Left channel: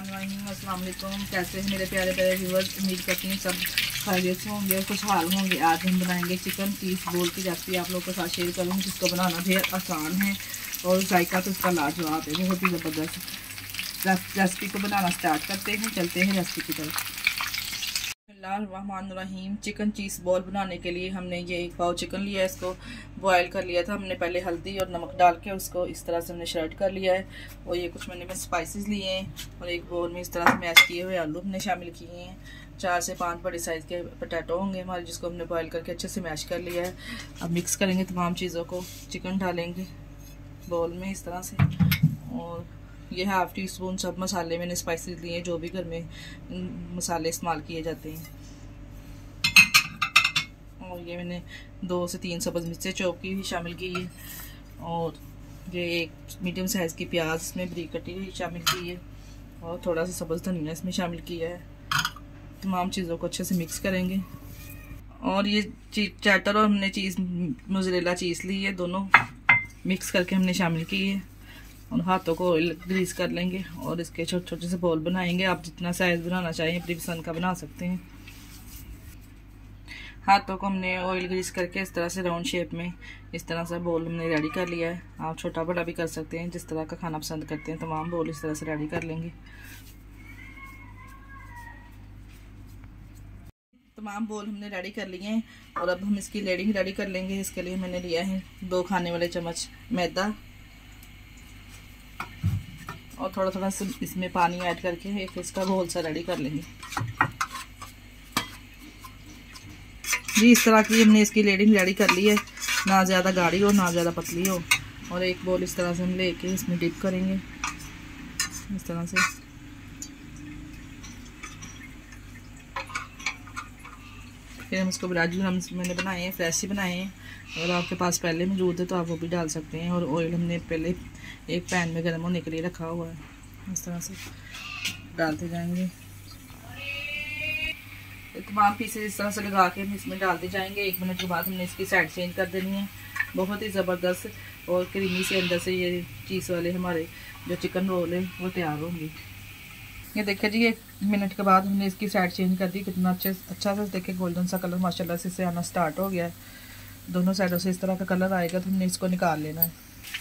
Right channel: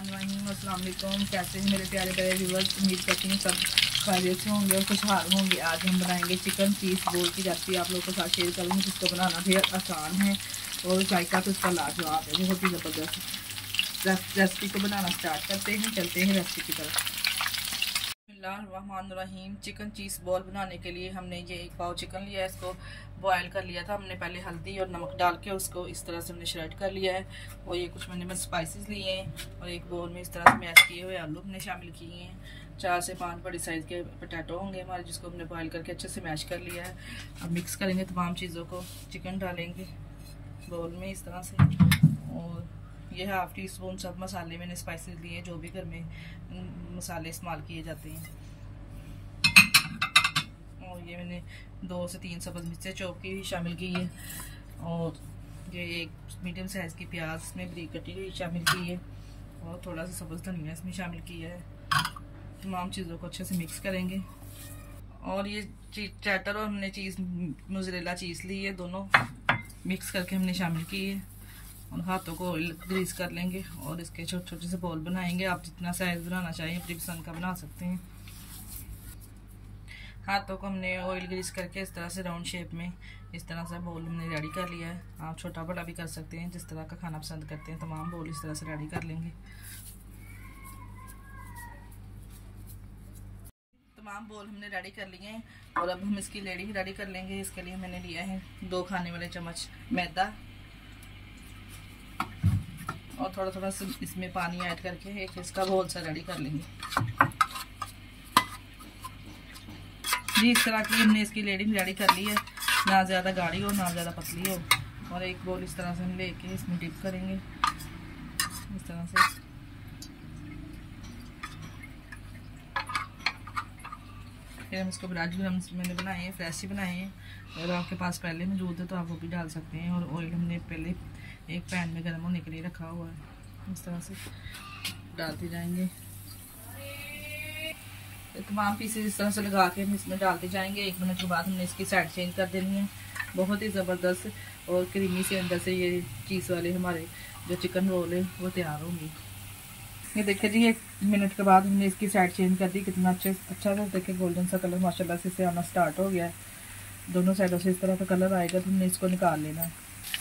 अस्सलाम वालेकुम। कैसे हैं मेरे प्यारे प्यारे व्यूअर्स। उम्मीद करती हूँ सब खैरियत से होंगे और खुशहाल होंगे। आज हम बनाएंगे चिकन चीज़ बोल की रेसिपी आप लोगों के साथ शेयर करूँगी, जिसको बनाना भी आसान है और जायका तो इसका लाजवाब है, बहुत ही ज़बरदस्त। रेसिपी को बनाना स्टार्ट करते हैं, चलते हैं रेसिपी की तरफ। बिस्मिल्लाहिर्रहमानिर्रहीम। चिकन चीज़ बॉल बनाने के लिए हमने ये 1 पाव चिकन लिया है। इसको बॉयल कर लिया था हमने पहले हल्दी और नमक डाल के, उसको इस तरह से हमने श्रेड कर लिया है। और ये कुछ मैंने स्पाइसेस लिए हैं और एक बोल में इस तरह से मैश किए हुए आलू हमने शामिल किए हैं। 4 से 5 बड़े साइज़ के पोटैटो होंगे हमारे, जिसको हमने बॉयल करके अच्छे से मैश कर लिया है। अब मिक्स करेंगे तमाम चीज़ों को। चिकन डालेंगे बोल में इस तरह से, और ये 1/2 टीस्पून सब मसाले मैंने स्पाइसेस लिए हैं, जो भी घर में मसाले इस्तेमाल किए जाते हैं। और ये मैंने 2 से 3 सब्ज़ मिर्चें चॉप की हुई शामिल की है, और ये 1 मीडियम साइज़ की प्याज में बारीक कटी हुई शामिल की है, और थोड़ा सा सब्ज़ धनिया इसमें शामिल किया है। तमाम चीज़ों को अच्छे से मिक्स करेंगे। और ये चैटर और हमने चीज़ मोज़रेला चीज़ ली है, दोनों मिक्स करके हमने शामिल की है। और हाथों को ऑयल ग्रीस कर लेंगे और इसके छोटे छोटे से बॉल बनाएंगे। आप जितना साइज़ बनाना चाहें अपनी पसंद का बना सकते हैं। हाथों को हमने ऑयल ग्रीस करके इस तरह से राउंड शेप में इस तरह से बॉल हमने रेडी कर लिया है। आप छोटा बड़ा भी कर सकते हैं, जिस तरह का खाना पसंद करते हैं। तमाम बॉल इस तरह से रेडी कर लेंगे। तमाम बॉल हमने रेडी कर लिए हैं और अब हम इसकी लेयरिंग रेडी कर लेंगे। इसके लिए मैंने लिया है 2 खाने वाले चम्मच मैदा और थोड़ा थोड़ा सा इसमें पानी ऐड करके एक इसका घोल सा रेडी कर लेंगे जी। इस तरह की हमने इसकी लेयरिंग रेडी कर ली है, ना ज़्यादा गाढ़ी हो ना ज़्यादा पतली हो। और एक बॉल इस तरह से हम लेके इसमें डिप करेंगे इस तरह से। फिर हम इसको ब्राजू मैंने बनाए हैं, फ्रेश ही बनाए हैं। अगर आपके पास पहले मौजूद है तो आप वो भी डाल सकते हैं। और ऑयल हमने पहले एक पैन में गर्म होने के लिए रखा हुआ है, इस तरह से डालते जाएंगे। तमाम पीसेस इस तरह से लगा के हम इसमें डालते जाएंगे। 1 मिनट के बाद हमने इसकी साइड चेंज कर देनी है। बहुत ही ज़बरदस्त और क्रीमी से अंदर से ये चीज़ वाले हमारे जो चिकन रोल है वो तैयार होंगे। ये देखिए जी, 1 मिनट के बाद हमने इसकी साइड चेंज कर दी। कितना अच्छा सा देखिए गोल्डन सा कलर माशाल्लाह से इससे आना स्टार्ट हो गया है। दोनों साइडों से इस तरह का कलर आएगा तो हमने इसको निकाल लेना है।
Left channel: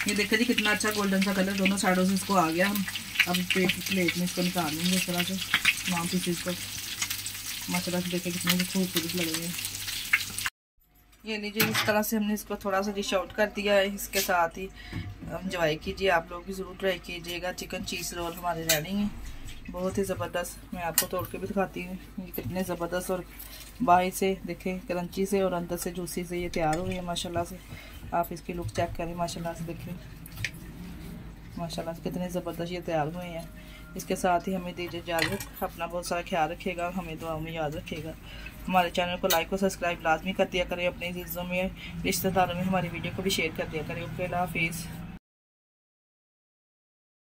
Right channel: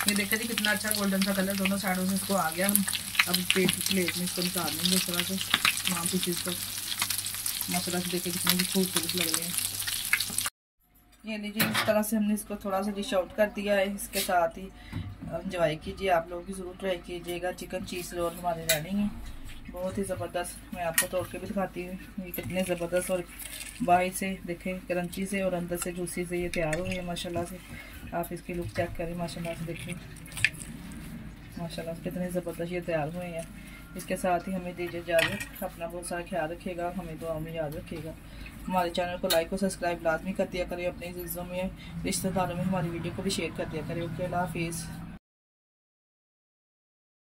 ये देखिए जी, कितना अच्छा गोल्डन सा कलर दोनों साइडों से इसको आ गया। अब प्लेट में इसको निकाल लेंगे इस तरह से तमाम चीज़ को। माशाल्लाह से देखिए कितनी खूबसूरत लग रही है। ये लीजिए, इस तरह से हमने इसको थोड़ा सा डिश आउट कर दिया है। इसके साथ ही एंजॉय कीजिए, आप लोग भी ज़रूर ट्राई कीजिएगा। चिकन चीज़ रोल हमारे रेडी हैं, बहुत ही ज़बरदस्त। मैं आपको तोड़ के भी दिखाती हूँ ये कितने ज़बरदस्त और बाहर से देखें क्रंची से और अंदर से जूसी से ये तैयार हुए हैं माशाल्लाह से। आप इसकी लुक चेक करें, माशाल्लाह से देखें माशाल्लाह से कितने ज़बरदस्त ये तैयार हुए हैं। इसके साथ ही हमें दीजिए इजाज़त। अपना बहुत सारा ख्याल रखिएगा, हमें दुआओं में याद रखिएगा। हमारे चैनल को लाइक और सब्सक्राइब लाजमी कर दिया करें। अपने अज़ीज़ों में रिश्तेदारों में हमारी वीडियो को भी शेयर कर दिया करें। ओके, अल्लाह हाफिज़।